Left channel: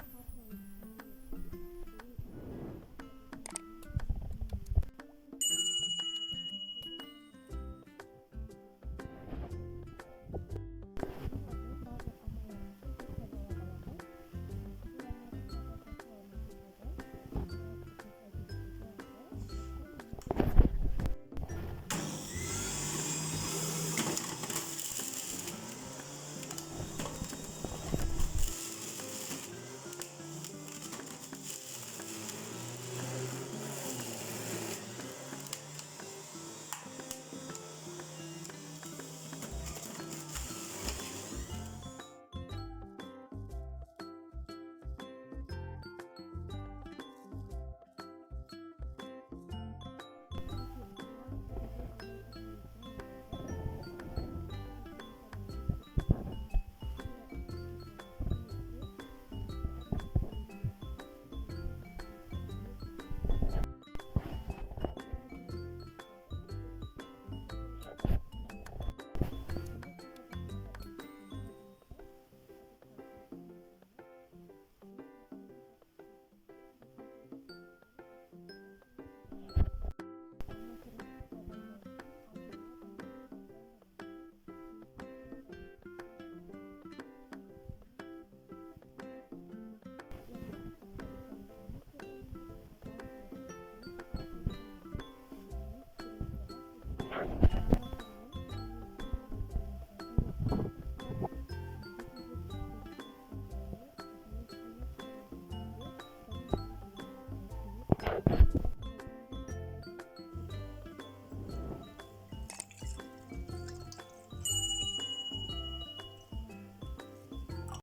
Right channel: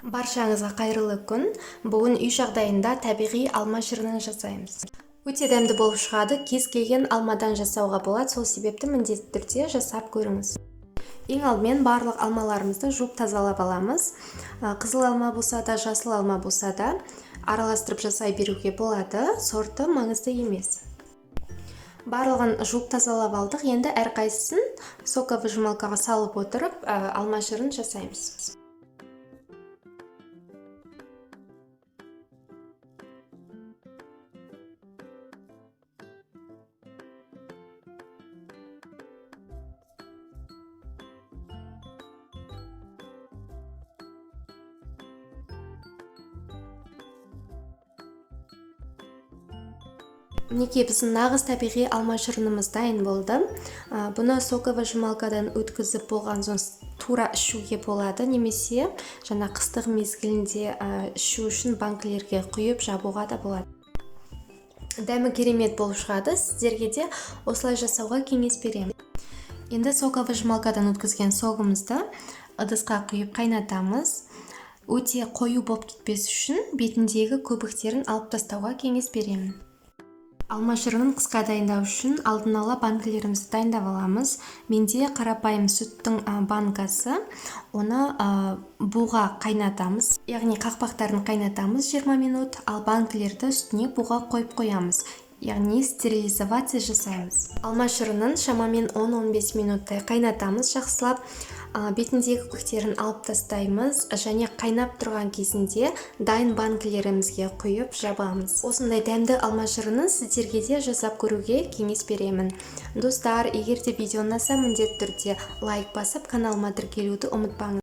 Баршаңызға қайырлы күн. Бүгін үй жағдайында табиғи алма шырынын жасаймыз. Өте дәмді болып шығады. Кез келген алмадан жасауға болады. Сол себепті міндетті түрде жасап көріңіз. Ең алдымен барлық алмаларымызды жуып тазалап аламыз. Қызыл алма болса да, жасыл алма болса да араластырып жасай беруге болады. Сорты маңызды емес. Барлығын жуып тазалап алдық. Енді әрқайсысын соковыжималкаға салып отырып, алма шырын жасаймыз. Мінекей біздің нағыз табиғи алма шырынымыз дайын болды. Бұны соковыжималкадан өткізіп болған соң тура ішуге болады, немесе жаңа қыстық мезгілінде ішу үшін банкілерге құйып жабуға да болады. Дәмі керемет болып шығады. Сіздерге де осылай жасауға кеңес беремін. Енді соковыжималкадан өткізген согымызды ыдысқа құйып қайнатамыз. Өте қою болып кетпес үшін бетіндегі көбіктерін алып тастауға кеңес беремін. Алма шырынын қысқа дайындау үшін алдын ала банкілерімізді дайындап аламыз. Менде қарапайым сүттің банкасы. Оны буға қайнатамыз. Яғни қақпақтарын қайнатамыз 20 минут, ал банкілерді үстіне буға қойып қоямыз. Яғни стерилизация жасаймыз. Алма шырынын шамамен 10-15 минуттай қайнатамыз жақсылап. Бетіндегі көктерін алып тастаймыз және қайнап тұрған кезінде дайын банкілерімізге құйып жабамыз. Осындай дәмді алма шырынын сіздерге де жасап көруге кеңес беремін. Достар, егер де видео ұнаса, міндетті түрде лайк басып, каналыма тіркелуді ұмытпаңыз.